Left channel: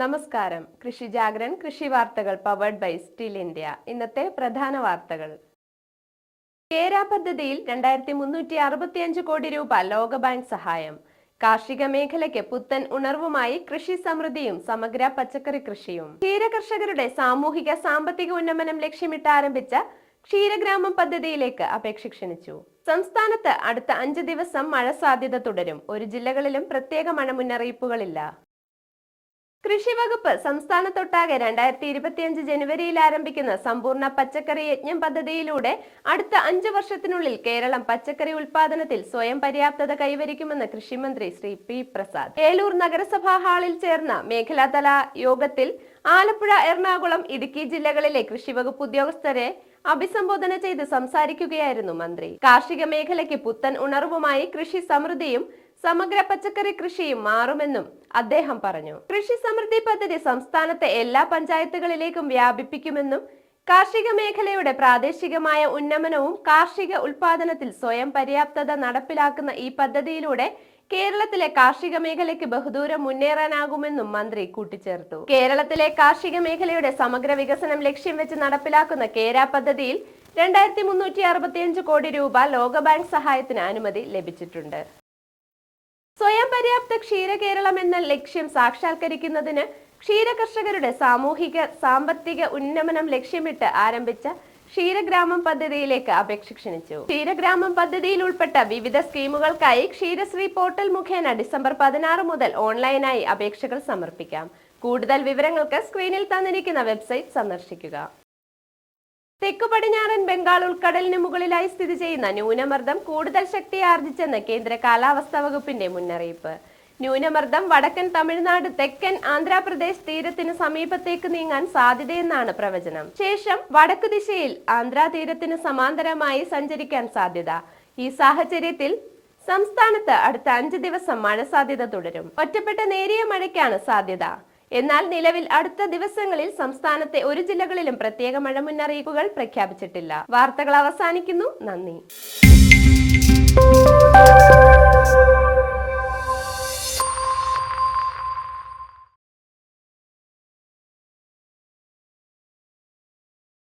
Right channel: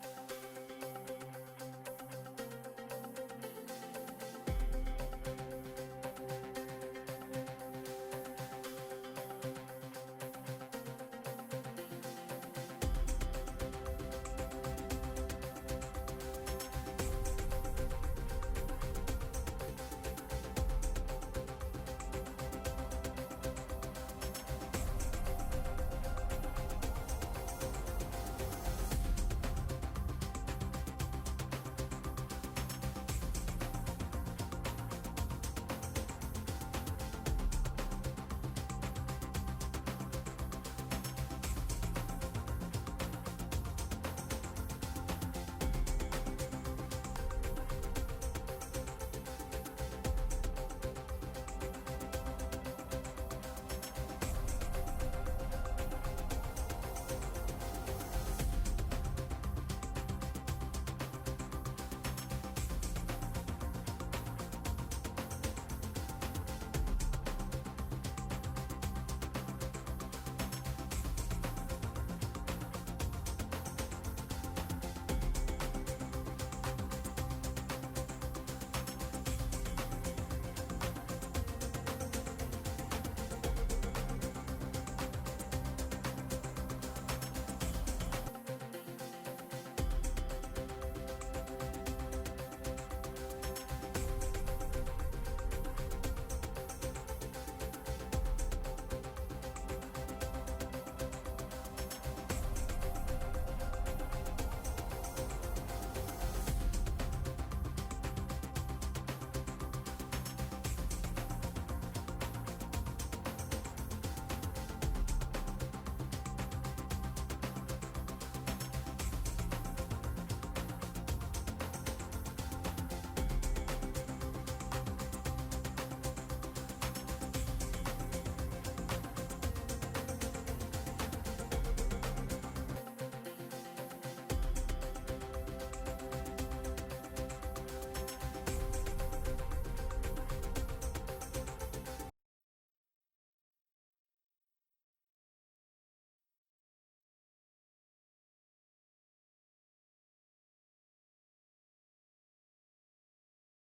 നമസ്കാരം. കൃഷി ജാഗ്രൻ കൃഷി വാർത്തകൾ പവേർഡ് ബൈ സ്റ്റീൽ ഇന്ത്യ ഇന്നത്തെ പ്രധാന വാർത്തകൾ. കേര പദ്ധതിയിൽ രണ്ടായിരത്തി മുന്നൂറ്റി അറുപത്തിയഞ്ച് കോടി രൂപ ലോകബാങ്ക് സഹായം. കാർഷിക മേഖലയ്ക്ക് പുത്തൻ ഉണർവുമായി കൃഷി സമൃദ്ധിയും സമഗ്ര പച്ചക്കറി കൃഷിയും. ക്ഷീരകർഷകരുടെ സാമൂഹിക സാമ്പത്തിക ഉന്നമനം ലക്ഷ്യമിട്ട് ആരംഭിച്ച ക്ഷീരഗ്രാമം പദ്ധതിയിലേക്ക് അപേക്ഷ ക്ഷണിച്ചു. സംസ്ഥാനത്ത് അടുത്ത അഞ്ച് ദിവസം മഴ സാധ്യത തുടരും. ഒരു ജില്ലകളിലും പ്രത്യേക മഴ മുന്നറിയിപ്പുകളില്ല കൃഷി വകുപ്പ് സംസ്ഥാനത്തൊട്ടാകെ രണ്ടായിരത്തി ഇരുപത്തിയഞ്ച് ജനുവരിയിൽ ആരംഭിക്കുന്ന സമ്പൂർണ പച്ചക്കറി യജ്ഞം പദ്ധതിയിലൂടെ അടുത്ത അഞ്ചു വർഷത്തിനുള്ളിൽ കേരളം പച്ചക്കറി ഉൽപാദനത്തിൽ സ്വയം പര്യാപ്തത കൈവരിക്കുമെന്ന് കൃഷിമന്ത്രി ശ്രീ പി പ്രസാദ്. ഏലൂർ നഗരസഭാ ഹാളിൽ ചേർന്ന മേഖലാതല യോഗത്തിൽ ആലപ്പുഴ എറണാകുളം ഇടുക്കി ജില്ലകളിലെ കൃഷി വകുപ്പ് ഉദ്യോഗസ്ഥരെ അഭിസംബോധന ചെയ്ത് സംസാരിക്കുകയായിരുന്നു മന്ത്രി. കാർഷിക മേഖലയ്ക്ക് പുത്തൻ ഉണർവുമായി കൃഷി സമൃദ്ധിയും സമഗ്ര പച്ചക്കറി കൃഷിയും മാറുമെന്നും അദ്ദേഹം പറഞ്ഞു. കൃഷി സമൃദ്ധി പദ്ധതി സംസ്ഥാനത്തെ എല്ലാ പഞ്ചായത്തുകളിലേക്കും വ്യാപിപ്പിക്കുമെന്നും കാർഷിക മേഖലയുടെ പ്രാദേശികമായ ഉന്നമനവും കാർഷിക ഉൽപാദനത്തിൽ സ്വയം പര്യാപ്തത നടപ്പിലാക്കുന്ന ഈ പദ്ധതിയിലൂടെ കേരളത്തിലെ കാർഷിക മേഖലയ്ക്ക് ബഹുദൂരം മുന്നേറാനാകുമെന്നും മന്ത്രി കൂട്ടിച്ചേർത്തു. കേരളത്തിലെ കാർഷിക മേഖലയുടെ സമഗ്ര വികസനം ലക്ഷ്യം വെച്ച് നടപ്പിലാക്കുന്ന കേര പദ്ധതിയിൽ രണ്ടായിരത്തി മുന്നൂറ്റി അറുപത്തിയഞ്ച് കോടി രൂപ ലോകബാങ്ക് സഹായത്തിന് അനുമതി ലഭിച്ചിട്ടുണ്ട്. സ്വയം പര്യാപ്ത ക്ഷീര കേരളം എന്ന ലക്ഷ്യം സാക്ഷാത്കരിക്കുന്നതിന് ക്ഷീര കർഷകരുടെ സാമൂഹിക സാമ്പത്തിക ഉന്നമനം ലക്ഷ്യമിട്ട് ആരംഭിച്ച ക്ഷീരഗ്രാമം പദ്ധതിയിലേക്ക് അപേക്ഷ ക്ഷണിച്ചു. ക്ഷീരഗ്രാമം പദ്ധതിയിൽ ഉൾപ്പെട്ട വിവിധ സ്കീമുകൾക്കായി ക്ഷീരശ്രീ പോർട്ടൽ മുഖേന ഡിസംബർ പതിനാറ് മുതൽ ഓൺലൈനായി അപേക്ഷകൾ സമർപ്പിക്കാം. കൂടുതൽ വിവരങ്ങൾക്ക് സ്ക്രീനിൽ തന്നിരിക്കുന്ന വെബ്സൈറ്റ് സന്ദർശിക്കുക. തെക്കു പടിഞ്ഞാറൻ ബംഗാൾ ഉൾക്കടലിന് മുകളിലായി സ്ഥിതി ചെയ്യുന്ന ന്യൂനമർദ്ദം കൂടുതൽ ശക്തി ആർജിച്ചെന്ന് കേന്ദ്ര കാലാവസ്ഥാ വകുപ്പിന്റെ മുന്നറിയിപ്പ്. ന്യൂനമർദ്ദം വടക്കൻ തമിഴ്നാട് തെക്കൻ ആന്ധ്രാപ്രദേശ് തീരത്തിന് സമീപത്തേക്ക് നീങ്ങാൻ സാധ്യതയെന്നാണ് പ്രവചനം. ശേഷം വടക്ക് ദിശയിൽ ആന്ധ്രാ തീരത്തിന് സമാന്തരമായി സഞ്ചരിക്കാൻ സാധ്യത. ഈ സാഹചര്യത്തിൽ സംസ്ഥാനത്ത് അടുത്ത അഞ്ച് ദിവസം മഴ സാധ്യത തുടരും. ഒറ്റപ്പെട്ട നേരിയ മഴയ്ക്കാണ് സാധ്യത. എന്നാൽ നിലവിൽ അടുത്ത ദിവസങ്ങളിൽ സംസ്ഥാനത്തെ ഒരു ജില്ലകളിലും പ്രത്യേക മഴ മുന്നറിയിപ്പുകൾ പ്രഖ്യാപിച്ചിട്ടില്ല. വാർത്തകൾ അവസാനിക്കുന്നു. നന്ദി.